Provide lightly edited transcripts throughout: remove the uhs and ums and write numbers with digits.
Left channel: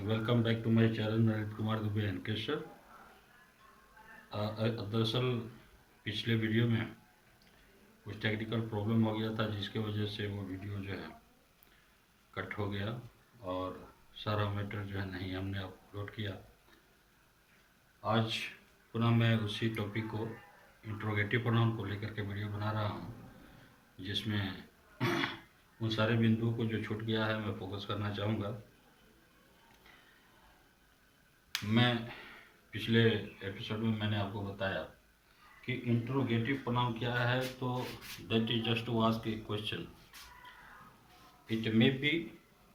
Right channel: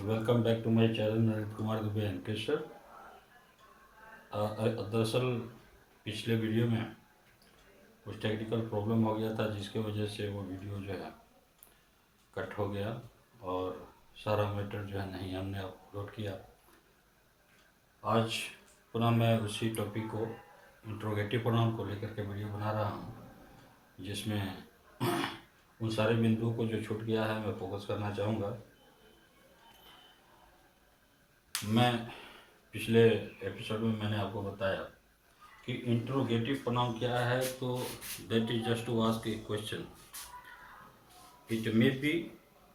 Welcome back to my channel Narendra Kumar Dubey एनकेशर। दरअसल पिछले वीडियो में कुछ टेक्निकल प्रॉब्लम हो गया था, जिसके वजह से वो वीडियो जो है कट हो गया और सारा मैटर जो है नहीं हमने अपलोड किया। आज पुनः मैं उसी टॉपिक को, इंट्रोगेटिव प्रोनाउन को लेकर के वीडियो बना रहा हूँ, जिसमें उन सारे बिंदुओं को जो छूट गया है मैं फोकस करना चाहूँगा। मैं पिछले एपिसोड में मैंने आपको बताया कि इंट्रोगेटिव प्रोनाउन क्या है, तो that is just to ask a question. It may be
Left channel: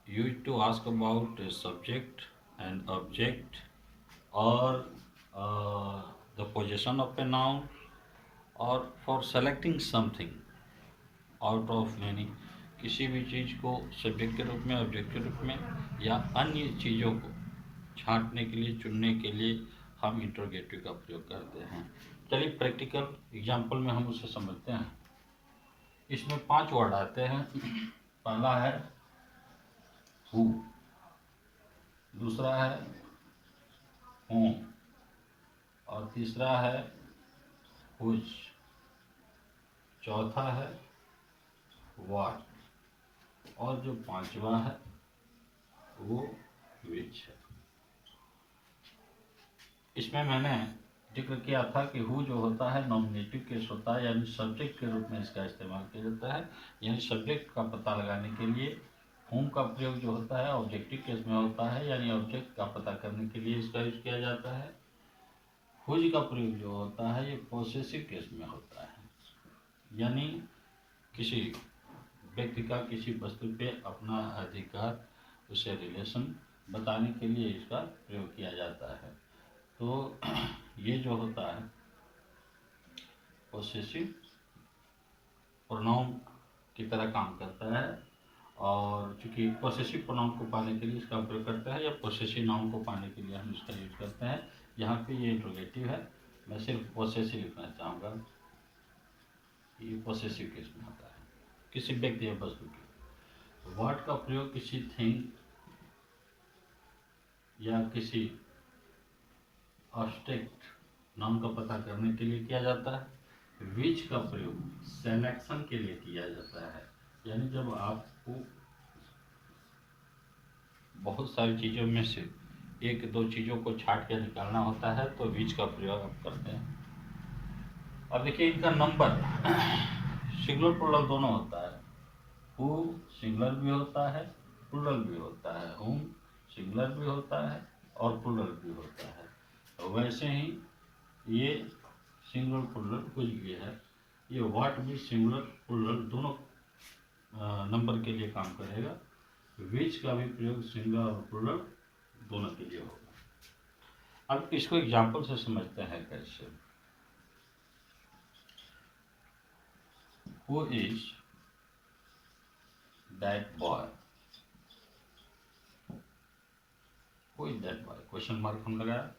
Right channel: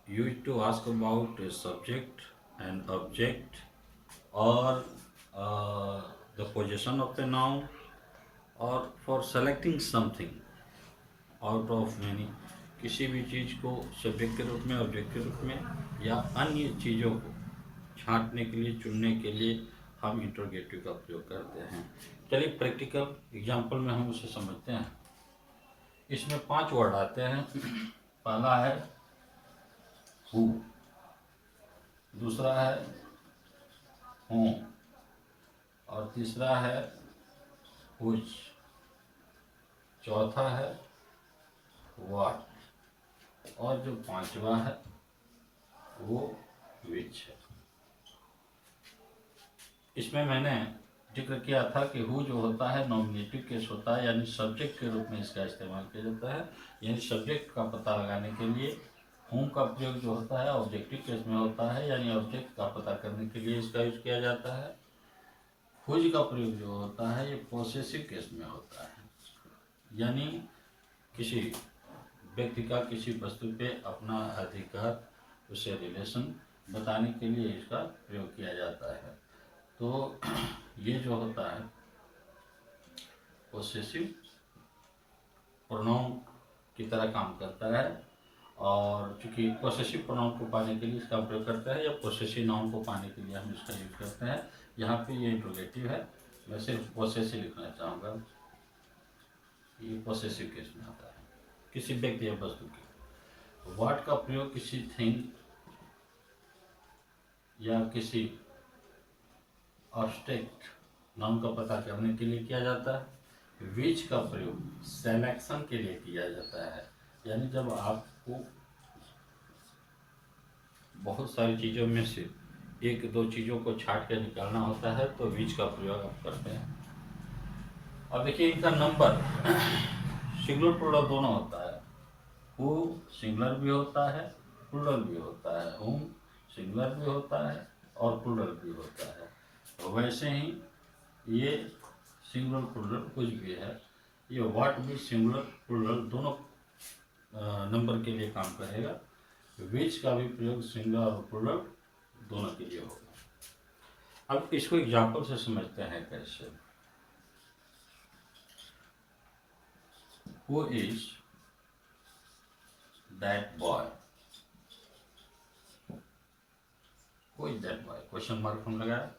used to ask about a subject and object or the position of a noun or for selecting something out of many. किसी भी चीज़ को subject के रूप में, object के रूप में या अन्य चीज़ों को छांटने के लिए, चुनने के लिए हम इंट्रोगेटिव का प्रयोग करते हैं। चलिए प्रैक्टिकल एग्जांपल में हम उसे समझते हैं। इसमें 5 वर्ड आते हैं। पहला है हु, दूसरा है हूँ, और तीसरा है हुज, चौथा है व्हाट, और जो पांचवा है वो विच है। इसमें मैंने जिक्र किया था कि हु जो होता है नॉमिनेटिव केस होता है, यानी सब्जेक्ट के रूप में इसका इस्तेमाल किया जाता है, यानी सब्जेक्ट का पता लगाने के लिए। हुम का प्रयोग जो होता है ऑब्जेक्टिव केस में होता है, यानी ऑब्जेक्ट का पता करने के लिए इसका यूज किया जाता है। हुज का प्रयोग जो होता है ये पोसेसिव केस में होता है, यानी किसी व्यक्ति का किसी वस्तु पे अपना अधिकार, उसे रिलेशन बताने के लिए इसका प्रयोग किया जाता है। तो ये जो होता है पोसेसिव प्रोनाउन की तरह काम करता है, और चूँकि पोसेसिव प्रोनाउन को पाने के लिए इसका प्रयोग करते हैं, या पोसेसिव नाउन को पाने के लिए हम इसका यूज करते हैं। यहाँ पे ये इंट्रोगेटिव है, मैं सिर्फ पोसेसिव लिखना चाहूँगा। ये पोसेसिव केस में आता है किसी व्यक्ति या वस्तु की। व्हाट का प्रयोग किसी थिंग या किसी ऑब्जेक्ट नाउन का पता करने के लिए किया जाता है। विच का प्रयोग सेलेक्शन के लिए किया जाता है, यानी जब आपको बहुत सारी चीज़ों में से एक दो चीज़ों को छांट कर निकालना होता है, तो विच का प्रयोग आप करते हैं। अब देखिए इनका नंबर सिंगुलर प्लूरल दोनों होता है। हु सिंगुलर भी होता है, प्लूरल भी होता है। हुम सिंगुलर भी होता है और प्लूरल भी होता है। तो वैसे ही ये सिंगुलर प्लूरल कुछ भी है। ये व्हाट भी सिंगुलर प्लूरल दोनों नंबर के लिए काम करेगा। विच का भी प्रयोग सिंगुलर और प्लूरल दोनों के लिए होगा। अब इसको एग्जाम्पल से समझते हैं कैसे। Who is that boy, who is that boy, question mark हम लगाया।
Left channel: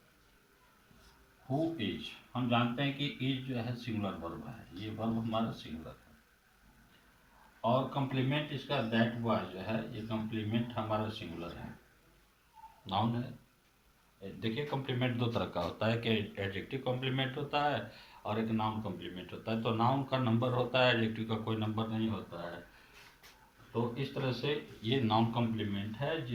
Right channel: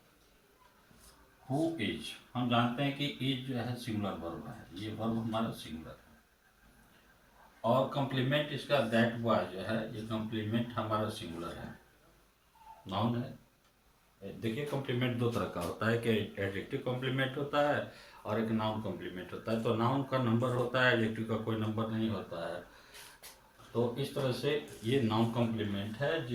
हु इज, हम जानते हैं कि इज जो है सिंगुलर वर्ब है, ये वर्ब हमारा सिंगुलर है। और कम्प्लीमेंट इसका दैट बॉय जो है, ये कम्प्लीमेंट हमारा सिंगुलर है, नाउन है। देखिए कम्प्लीमेंट दो तरह का होता है, कि एडजेक्टिव कम्प्लीमेंट होता है और एक नाउन कम्प्लीमेंट होता है। तो नाउन का नंबर होता है, एडजेक्टिव का कोई नंबर नहीं होता है। तो इस तरह से ये नाउन कम्प्लीमेंट है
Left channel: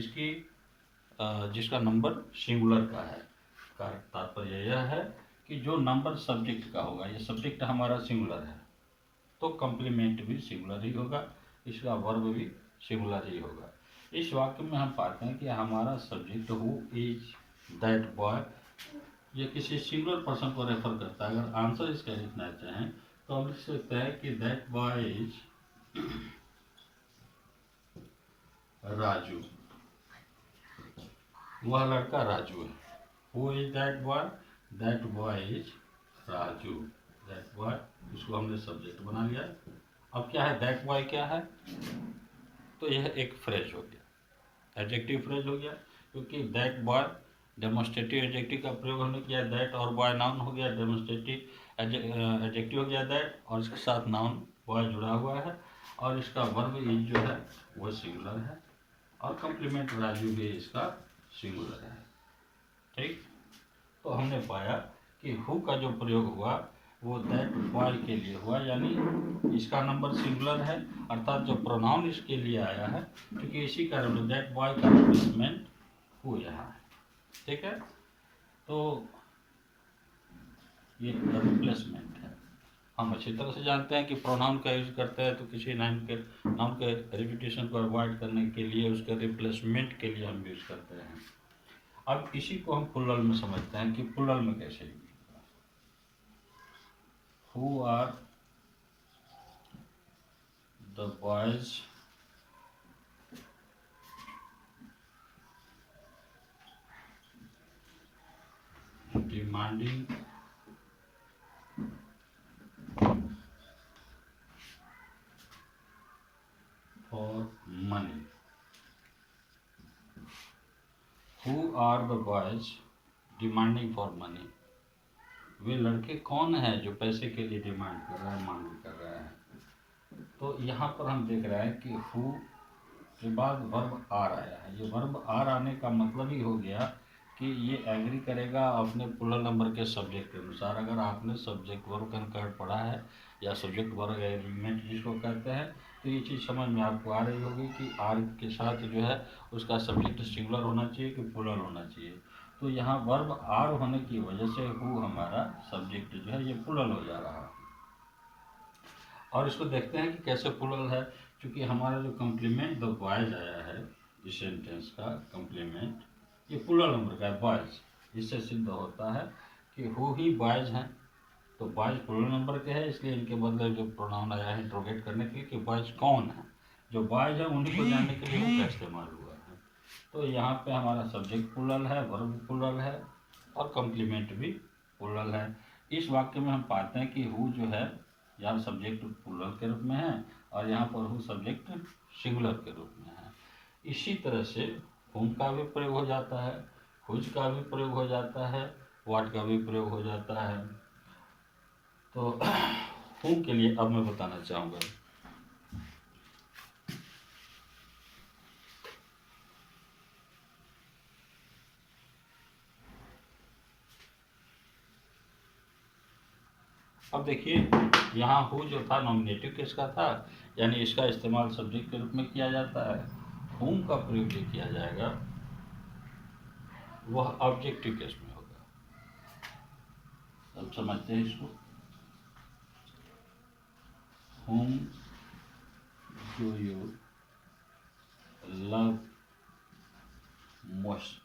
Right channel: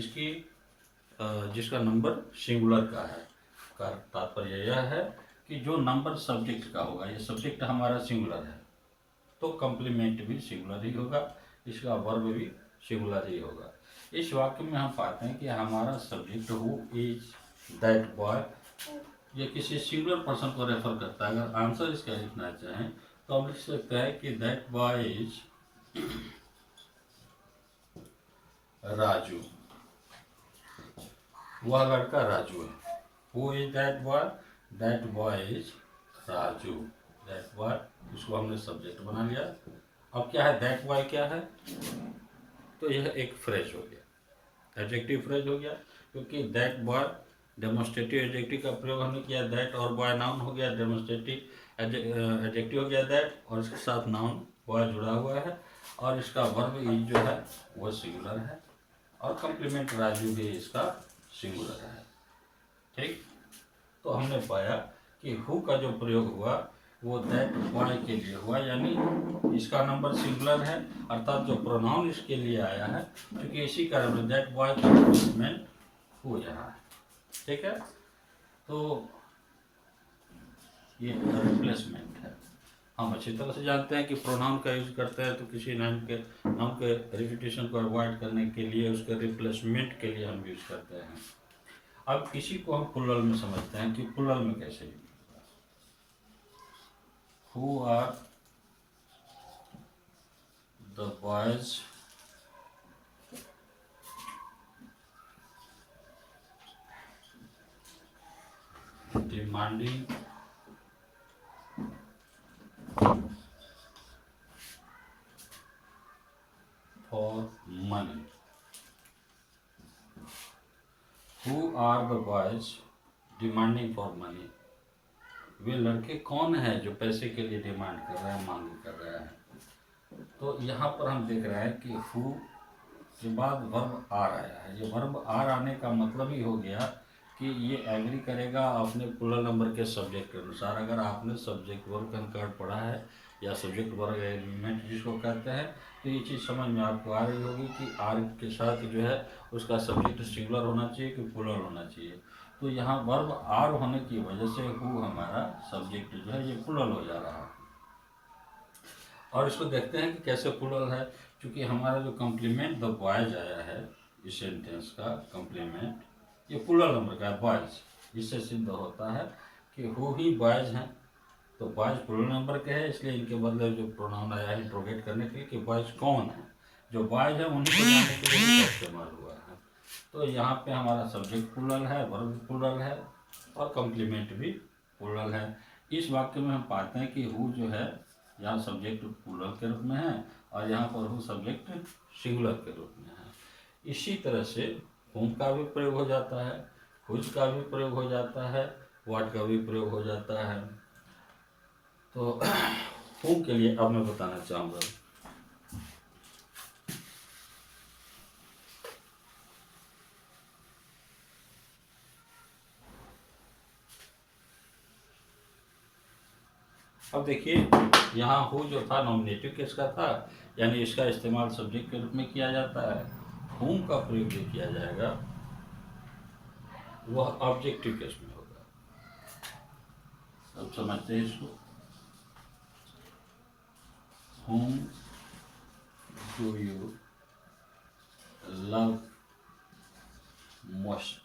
जिसका नंबर सिंगुलर का है। का तात्पर्य यह है कि जो नंबर सब्जेक्ट का होगा, ये सब्जेक्ट हमारा सिंगुलर है, तो कम्प्लीमेंट भी सिंगुलर ही होगा, इसका वर्ब भी सिंगुलर ही होगा। इस वाक्य में हम पाते हैं कि हमारा subject who is that boy, ये किसी सिंगुलर पर्सन को रेफर करता है। अगर आंसर इसका लिखना चाहें तो हम लिख सकते हैं कि दैट बॉय इज राजू, वह लड़का राजू है। Who is that boy, that boy is Raju. That boy, उसको हमने सब्जेक्ट बना लिया। अब क्या है, दैट बॉय क्या है, तो यह एक फ्रेज हो गया, एडजेक्टिव फ्रेज हो गया, क्योंकि दैट बॉय डेमोन्स्ट्रेटिव एडजेक्टिव का प्रयोग हमने किया। दैट और बॉय नाउन हो गया, डेमोन्स्ट्रेटिव एडजेक्टिव हो गया दैट, और इसके साथ नाउन बॉय जुड़ा हुआ है, और इसका वर्ब इज जो है वह सिंगुलर है, और कम्प्लीमेंट राजू भी इसका सिंगुलर है। ठीक, तो हमने पाया कि हु का जो प्रयोग हुआ वो दैट बॉय के लिए हुआ, यानी इसका नंबर सिंगुलर है, अर्थात जो प्रोनाउन इसके लिए आया है, क्योंकि इसी कारण दैट बॉय का रिप्लेसमेंट हु यहाँ है। ठीक है, तो ये रिप्लेसमेंट है। हम अच्छी तरह से जानते हैं कि प्रोनाउन का यूज करते हैं तो किसी नाम के रिपीटेशन को अवॉइड करने के लिए, उसके रिप्लेसमेंट के लिए हम यूज करते हैं। अब इसी को हम प्लूरल में समझते हैं कि प्लूरल में कैसे यूज होगा। Who are the boys demanding for money? Who are the boys demanding for money? वे लड़के कौन हैं जो पैसे के लिए डिमांड कर रहे हैं, मांग कर रहे हैं। तो यहाँ पर हम देख रहे हैं कि हु के बाद वर्ब आर आया है। ये वर्ब आर आने का मतलब ही हो गया कि ये एग्री करेगा अपने प्लूरल नंबर के सब्जेक्ट के अनुसार। अगर आपने सब्जेक्ट वर्ब कंकर्ड पढ़ा है या सब्जेक्ट वर्ब एग्रीमेंट जिसको कहते हैं, तो ये चीज़ समझ में आपको आ रही होगी कि आर के साथ जो है उसका सब्जेक्ट सिंगुलर होना चाहिए कि प्लूरल होना चाहिए। तो यहाँ वर्ब आर होने की वजह से हु हमारा सब्जेक्ट जो है ये प्लूरल हो जा रहा है। और इसको देखते हैं कि कैसे प्लूरल है, क्योंकि हमारा जो कम्प्लीमेंट द बॉयज आया है इस सेंटेंस का कम्प्लीमेंट ये प्लूरल नंबर का है बॉयज। इससे सिद्ध होता है कि हु ही बॉयज हैं, तो बॉयज प्लूरल नंबर के हैं, इसलिए इनके बदले जो प्रोनाउन आया है इंट्रोगेट करने के लिए कि बॉयज कौन है। जो बॉयज है उन्हीं को जानने के लिए इसका इस्तेमाल हुआ है। तो यहाँ पे हमारा सब्जेक्ट प्लूरल है, वर्ब प्लूरल है और कम्प्लीमेंट भी प्लूरल है। इस वाक्य में हम पाते हैं कि हु जो है यहाँ सब्जेक्ट प्लूरल के रूप में है और यहाँ पर हु सब्जेक्ट सिंगुलर के रूप में है। इसी तरह से हुम का भी प्रयोग हो जाता है, हुज का भी प्रयोग हो जाता है, व्हाट का भी प्रयोग हो जाता है। तो हुम के लिए अब मैं बताना चाहूँगा। अब देखिए यहाँ हु जो था नॉमिनेटिव केस का था, यानी इसका इस्तेमाल सब्जेक्ट के रूप में किया जाता है। हुम का प्रयोग जो किया जाएगा वह ऑब्जेक्टिव केस में होगा। अब समझते हैं इसको। हुम do you love most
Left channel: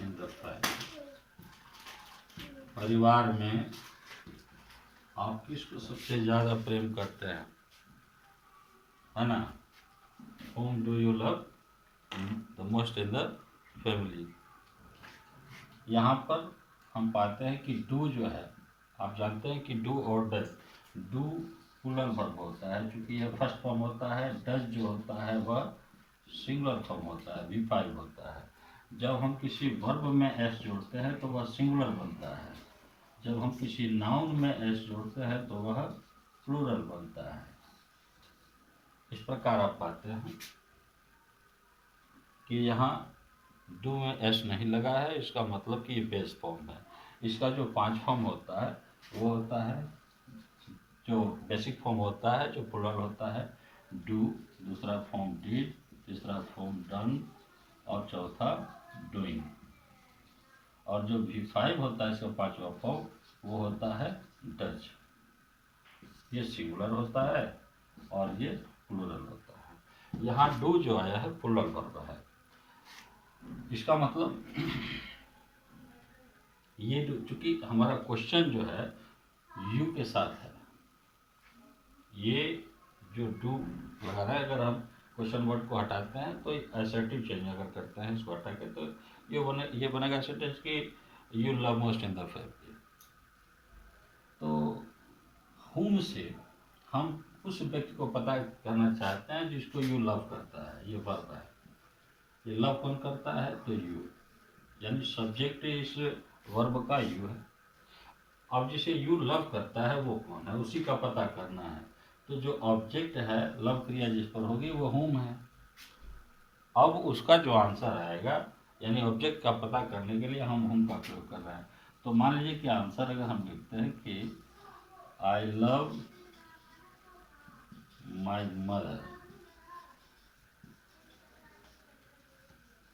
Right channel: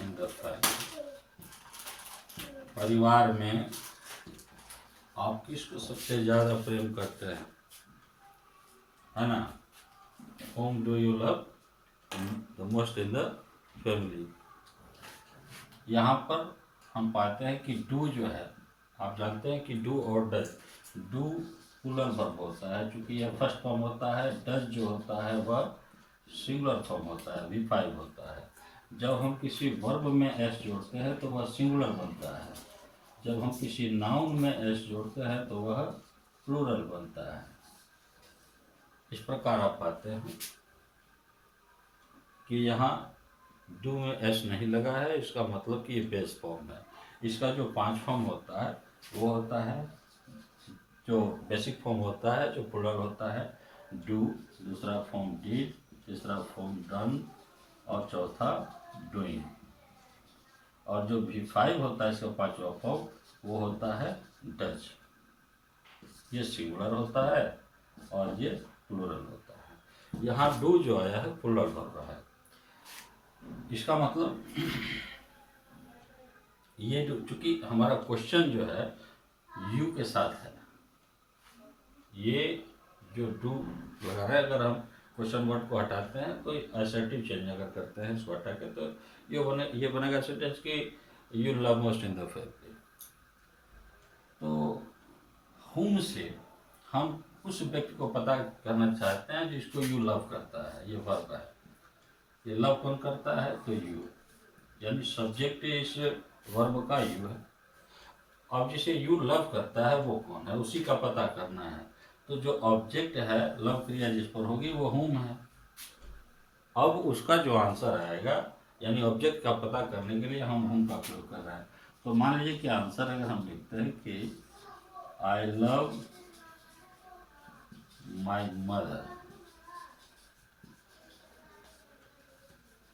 in the family? परिवार में आप किसको सबसे ज़्यादा प्रेम करते हैं, है ना? Whom do you love the most in the family? यहाँ पर हम पाते हैं कि डू जो है, आप जानते हैं कि डू और डज, डू प्लूरल वर्ब होता है, क्योंकि यह फर्स्ट फॉर्म होता है। डज जो होता है वह सिंगुलर फॉर्म होता है, V5 होता है। जब हम किसी वर्ब में एस जोड़ते हैं तो वह सिंगुलर बनता है, जब हम किसी नाउन में एस जोड़ते हैं तो वह प्लूरल बनता है। इस प्रकार आप पाते हैं कि यहाँ डू में एस नहीं लगा है, इसका मतलब कि ये बेस फॉर्म है। इसका जो 5 फॉर्म होता है वो होता है, जो बेसिक फॉर्म होता है जो प्लूरल होता है डू, दूसरा फॉर्म डिड, तीसरा फॉर्म डन और चौथा डूइंग। और जो V5 होता है इसका 5वां फॉर्म वो होता है डज। ये सिंगुलर होता है और ये प्लूरल होता है। यहाँ डू जो आया है प्लूरल वर्ब है। इसका मतलब ये चूंकि हमारा क्वेश्चन जो है यू के साथ है, ये जो डू वगैरह अगर हम क्वेश्चन वर्ड को हटाते हैं तो असर्टिव चेंज अगर करते हैं इसको हटा के, तो ये बनेगा सेंटेंस कि you love most in the family. तो हुम से हम उस व्यक्ति को पता करना चाहते हैं जिसको यू लव करता है। ये वर्ब है, ये लव कौन करता है तो यू, यानी सब्जेक्ट इस वर्ब का यू है। अब जिसे यू लव करता है वो कौन है, उसी का पता करना है। तो जो ऑब्जेक्ट है लव क्रिया जिस पर होगी वो हुम है। अब उसका जो आंसर आएगा, यानी ऑब्जेक्ट का पता करने के लिए हम होम का प्रयोग कर रहे हैं। तो मान लीजिए कि आंसर अगर हम लिखते हैं कि I love my mother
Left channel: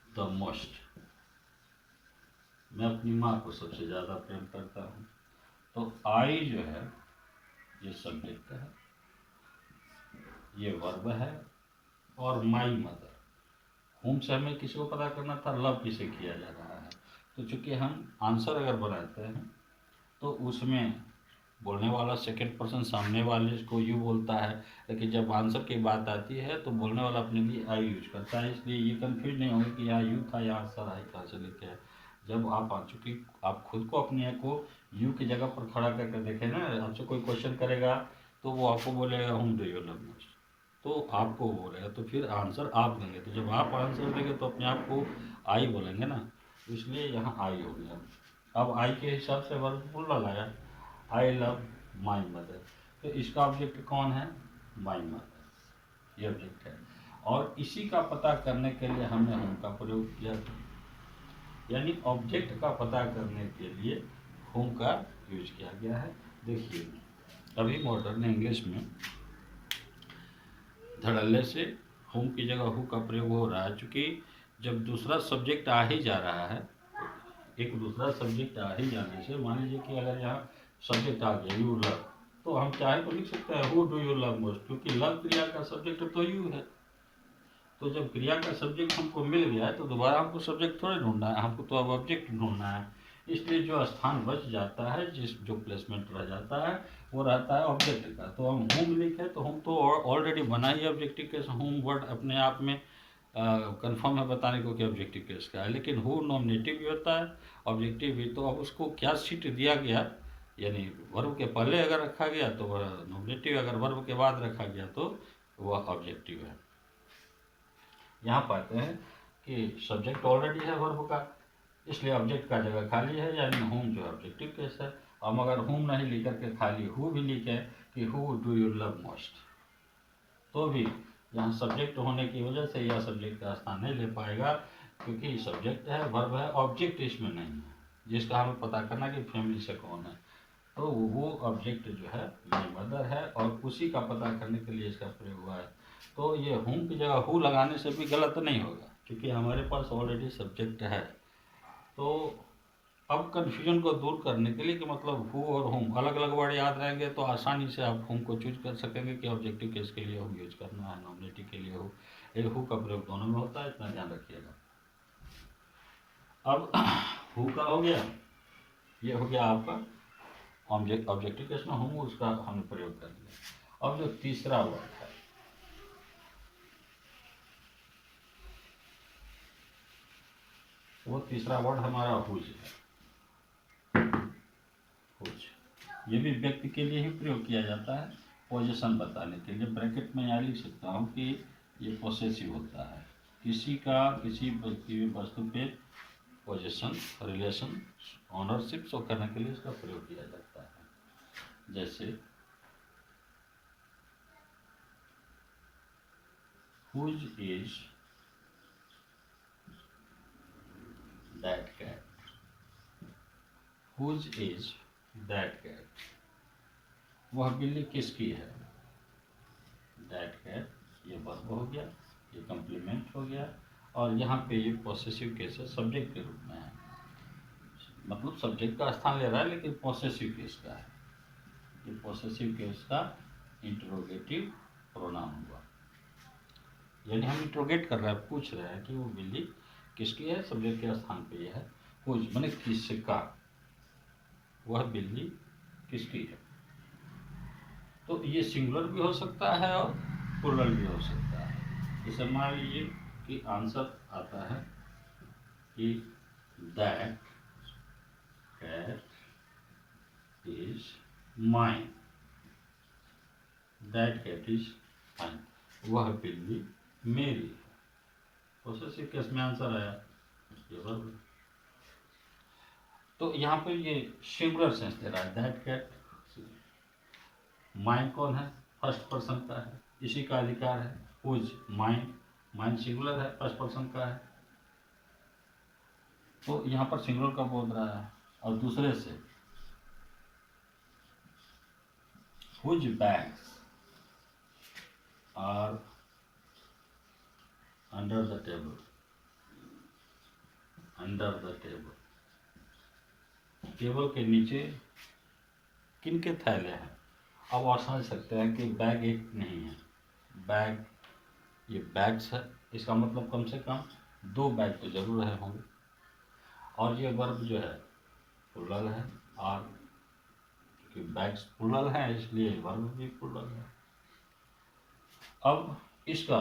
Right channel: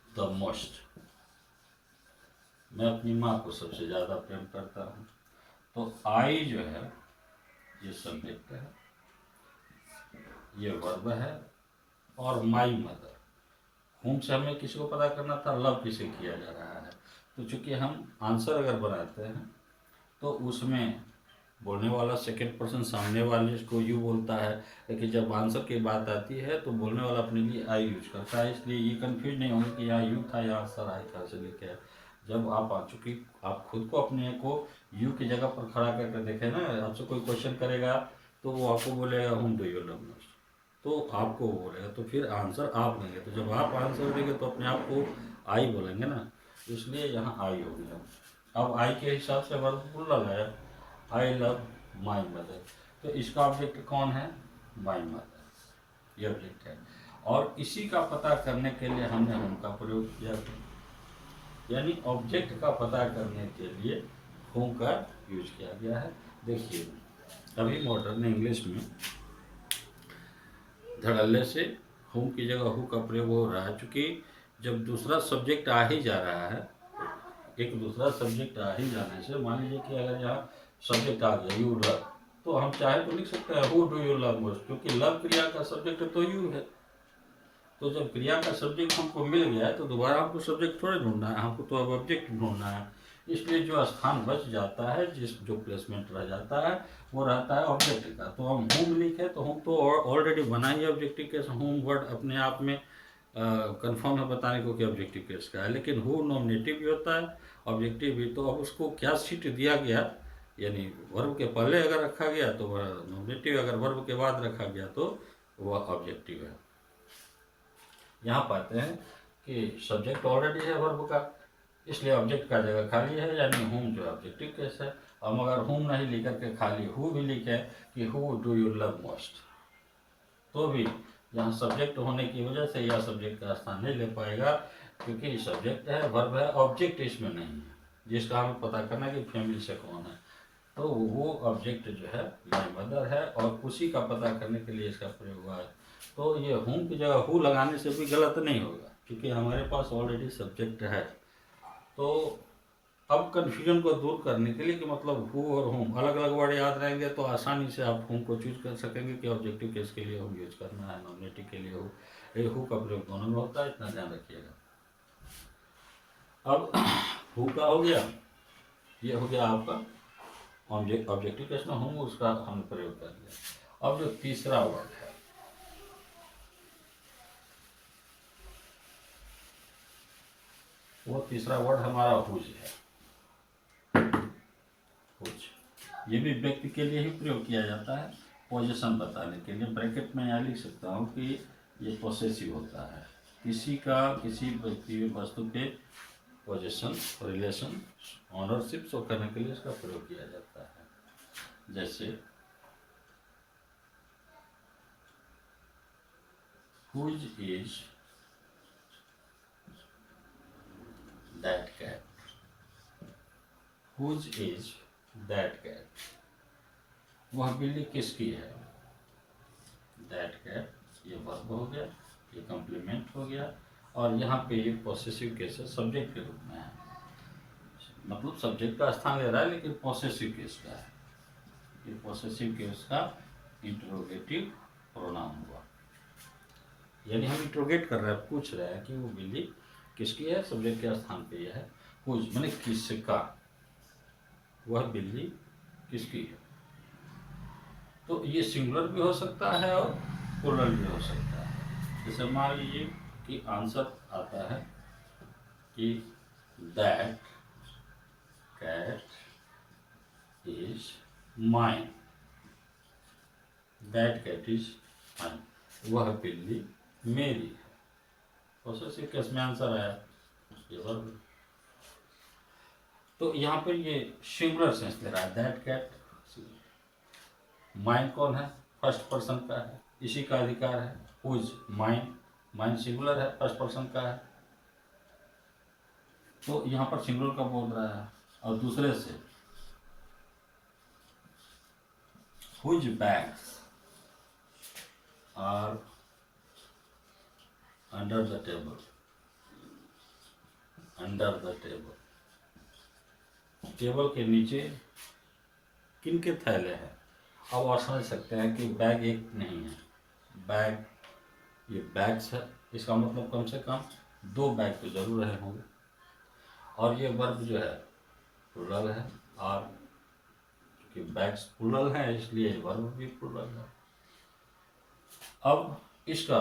the most, मैं अपनी माँ को सबसे ज़्यादा प्रेम करता हूँ। तो आई जो है ये सब्जेक्ट है, ये वर्ब है, और माई मदर, होम से हमें किसी को पता करना था, लव किसे किया जा रहा है। तो चूंकि हम आंसर अगर बनाते हैं तो उसमें बोलने वाला सेकंड पर्सन सामने वाले को यू बोलता है, लेकिन जब आंसर की बात आती है तो बोलने वाला अपने लिए आई यूज करता है। इसलिए ये कंफ्यूज नहीं होगा कि यहाँ यू था, यहाँ आंसर आई था से लेके है। जब आप आ चुकी, आप खुद को अपने को यू की जगह पर खड़ा करके देखें ना, आपसे कोई क्वेश्चन करेगा तो वो आपको बोलेगा होम डू यू लव, तो आपको बोलेगा, तो फिर आंसर आप देंगे। तो जब आप आंसर देंगे तो अपने आप को आई बोलेंगे ना, तो इसलिए यहाँ आई हो गया। अब आई के हिसाब से वर्ब प्लूरल आया, आई लव माई मदर, तो इसका ऑब्जेक्ट कौन है, माई मदर, ये ऑब्जेक्ट है। और इसी का पता करने के लिए हमने होम का प्रयोग किया था, यानी ऑब्जेक्ट का पता करने के लिए होम का यूज किया गया है। देखिए अभी मॉडर्न इंग्लिश में धड़ल्ले से होम की जगह हु का प्रयोग हो रहा है, क्योंकि जब दूसरा सब्जेक्ट आ ही जा रहा है, एक दूसरा सब्जेक्ट आ ही जाने से, मान लीजिए कि अगर यहाँ सब्जेक्ट आ गया यू लव, तो हम चाहे तो लिख सकते हैं who do you love most, क्योंकि लव क्रिया का सब्जेक्ट तो यू है। तो जब क्रिया का सब्जेक्ट हमको मिल गया है तो दोबारा हमको सब्जेक्ट थोड़े ढूंढना है, हमको तो अब ऑब्जेक्ट ढूंढना है। इसलिए जो स्थान बच जाता है, जो प्लेसमेंट रह जाता है, वो रहता है ऑब्जेक्ट का। तो हम होम लिखे तो होम तो ऑलरेडी बना ही ऑब्जेक्टिव केस, होम वर्ड अपने आप में कंफर्म है बताने को कि ऑब्जेक्टिव केस का है। लेकिन हु नॉमिनेटिव भी होता है, ऑब्जेक्टिव भी, तो अब उसको क्या सीट दिया गया, यानी वर्ब के पहले अगर रखा गया तो वह नॉमिनेटिव, अगर वर्ब के बाद रखा गया तो वह ऑब्जेक्टिव है। यहाँ पाते हैं कि सब्जेक्ट ऑलरेडी है वर्ब का, इसलिए ऑब्जेक्ट का जगह खाली है, यानी होम जो ऑब्जेक्टिव केस है। हम अगर होम नहीं लिख करके खाली हु भी लिखे कि who do you love most, तो भी यहाँ सब्जेक्ट होने की वजह से यह सब्जेक्ट का स्थान नहीं ले पाएगा, क्योंकि सब्जेक्ट है, वर्ब है, ऑब्जेक्ट इसमें नहीं है, जिसका हमें पता करना कि फैमिली से कौन है। तो वो ऑब्जेक्ट जो है माई मदर है, और उसी का पता करने के लिए इसका प्रयोग हुआ है। तो ये होम की जगह हु लगाने से भी गलत नहीं होगा, क्योंकि हमारे पास ऑलरेडी सब्जेक्ट है। तो अब कन्फ्यूजन को दूर करने के लिए कि मतलब हु और होम अलग अलग वर्ड याद रहेंगे तो आसानी से आप होम को चूज कर सकेंगे कि ऑब्जेक्टिव केस के लिए होम यूज करना है, नॉमिनेटिव के लिए हु का प्रयोग दोनों में होता है, इतना ध्यान रखिएगा। अब हु का हो गया, ये हो गया आपका ऑब्जेक्टिव केस में होम, उसका हमने प्रयोग कर दिया। अब जो तीसरा वर्ड है, वो तीसरा वर्ड हमारा हुज है। हुज ये भी व्यक्ति के लिए ही प्रयोग किया जाता है, पोजीशन बताने के लिए। ब्रैकेट में यहाँ लिख सकता हूँ कि ये पोसेसिव होता है, किसी का किसी व्यक्ति वस्तु पे पोजीशन, रिलेशन, ऑनरशिप शो करने के लिए इसका प्रयोग किया जाता है। जैसे whose is that cat, whose is that cat, वह बिल्ली किसकी है। दैट कैट ये वर्ब हो गया, ये कॉम्प्लीमेंट हो गया, और यहाँ पे ये पॉसेसिव केस है, सब्जेक्ट के रूप में है, मतलब सब्जेक्ट का स्थान ले रहा है लेकिन पॉसेसिव केस का है। ये पॉसेसिव केस का इंट्रोगेटिव प्रोनाउन हुआ, यानी हम इंट्रोगेट कर रहे हैं, पूछ रहे हैं कि वो बिल्ली किसकी है, सब्जेक्ट के स्थान पे यह है। हुज माने किसका, वह बिल्ली किसकी है। तो ये सिंगुलर भी हो सकता है और प्लूरल भी हो सकता है। जैसे मान लीजिए कि आंसर आता है कि that cat is mine, that cat is mine, वह बिल्ली मेरी है। पॉसेसिव केस में आंसर आया ये वर्ब। तो यहाँ पर ये सिंगुलर सेंस दे रहा है, दैट कैट, माइन कौन है, फर्स्ट पर्सन का है, इसी का अधिकार है, हुज माइन, माइंड सिंगुलर है, फर्स्ट पर्सन का है, तो यहाँ पर सिंगुलर का बोल रहा है। और दूसरे से whose bags are under the table, under the table, table के नीचे किन के थैले हैं। अब आप समझ सकते हैं कि बैग एक नहीं है, बैग, ये बैग्स है, इसका मतलब कम से कम 2 बैग तो जरूर रहे होंगे। और ये वर्ब जो है प्लुरल है, और क्योंकि बैग्स प्लुरल है इसलिए वर्ब भी प्लुरल है। अब इसका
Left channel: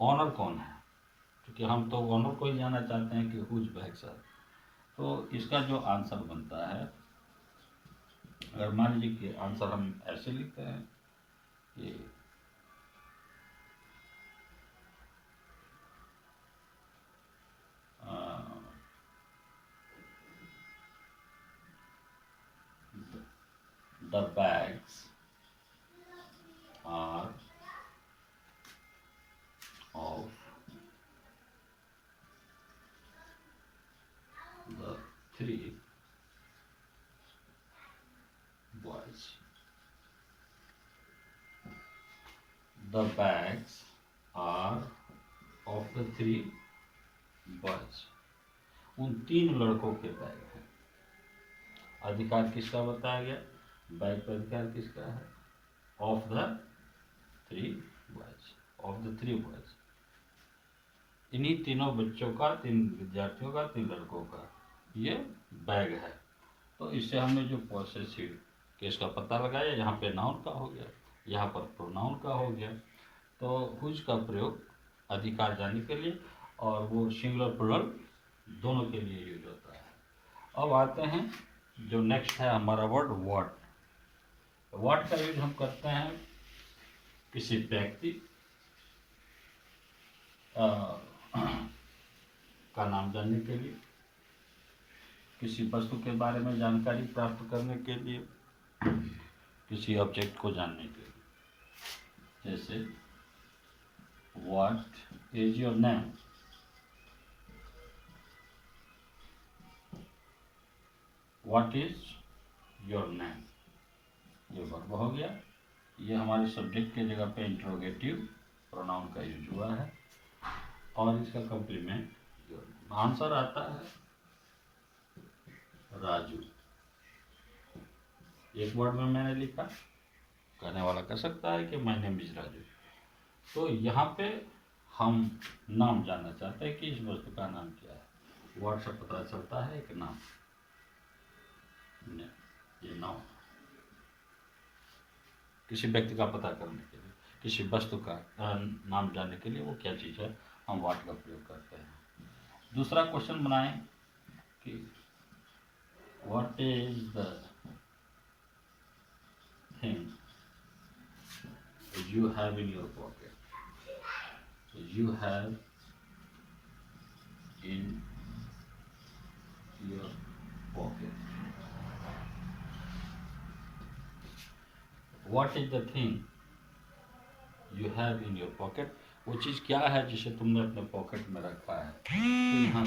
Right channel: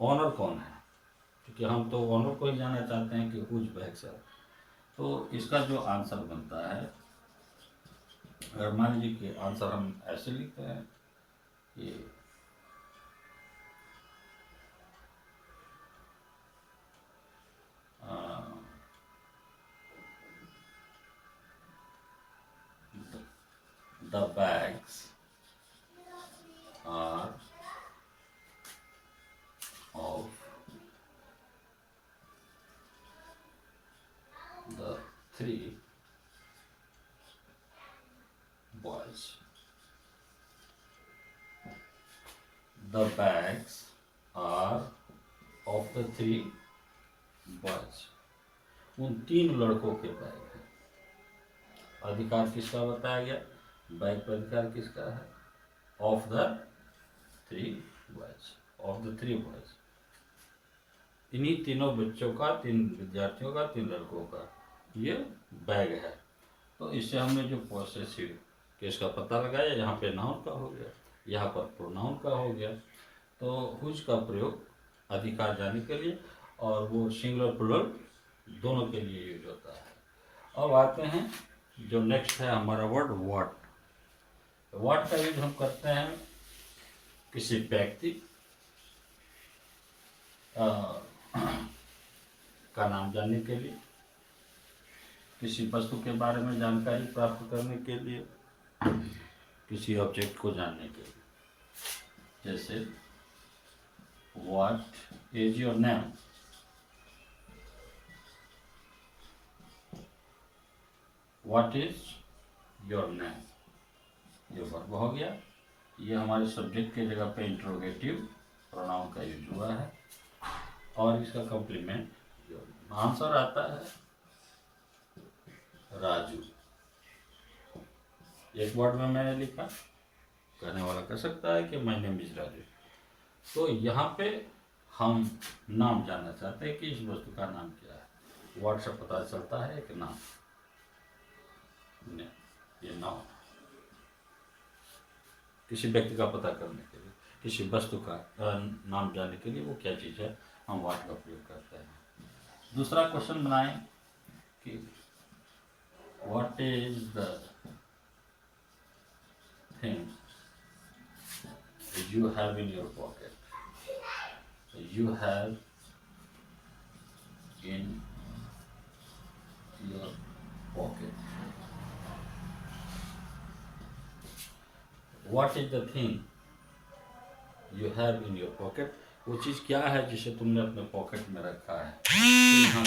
ऑनर कौन है, क्योंकि हम तो ऑनर को ही जानना चाहते हैं कि हुज बैग्स है। तो इसका जो आंसर बनता है, अगर मान लीजिए कि आंसर हम ऐसे लिखते हैं कि the bags are of the 3 boys. The bags are of the 3 boys. उन 3 लड़कों के बैग हैं। अधिकार किसका बताया गया, बैग पर अधिकार किसका है, of the 3 boys, of the 3 boys, इन्हीं तीनों बच्चों का, 3 विद्यार्थियों का, 3 लड़कों का ये बैग है। तो इससे हमने जो पॉसेसिव केस का पता लगाया, यहाँ पे नाउन का हो गया, यहाँ पर प्रोनाउन का हो गया। तो हुज का प्रयोग अधिकार जाने के लिए, और वो सिंगुलर प्लुरल दोनों के लिए यूज होता है। अब आते हैं जो नेक्स्ट है हमारा वर्ड व्हाट। व्हाट का यूज हम करते हैं किसी व्यक्ति का नाम जानने के लिए, किसी वस्तु के बारे में जानकारी प्राप्त करने के लिए, किसी ऑब्जेक्ट को जानने के लिए। जैसे what is your name, what is your name, ये वर्ब हो गया। ये हमारे सब्जेक्ट के जगह पे इंट्रोगेटिव प्रोनाउन का यूज हुआ है, और इसका कॉम्प्लीमेंट आंसर आता है राजू। एक वर्ड में मैंने लिखा, कहने वाला कह सकता है कि माय नेम इज राजू। तो यहाँ पे हम नाम जानना चाहते हैं कि इस वस्तु का नाम क्या है। वर्ड से पता चलता है कि नाम, ये नाम किसी व्यक्ति का पता करने के लिए, किसी वस्तु का नाम जानने के लिए वो क्या चीज़ है, हम व्हाट का प्रयोग करते हैं। दूसरा क्वेश्चन बनाएं कि what is the thing you have in your pocket, you have in your pocket. What is the thing you have in your pocket? वो चीज़ क्या है जिसे तुमने अपने पॉकेट में रखा है। तो यहाँ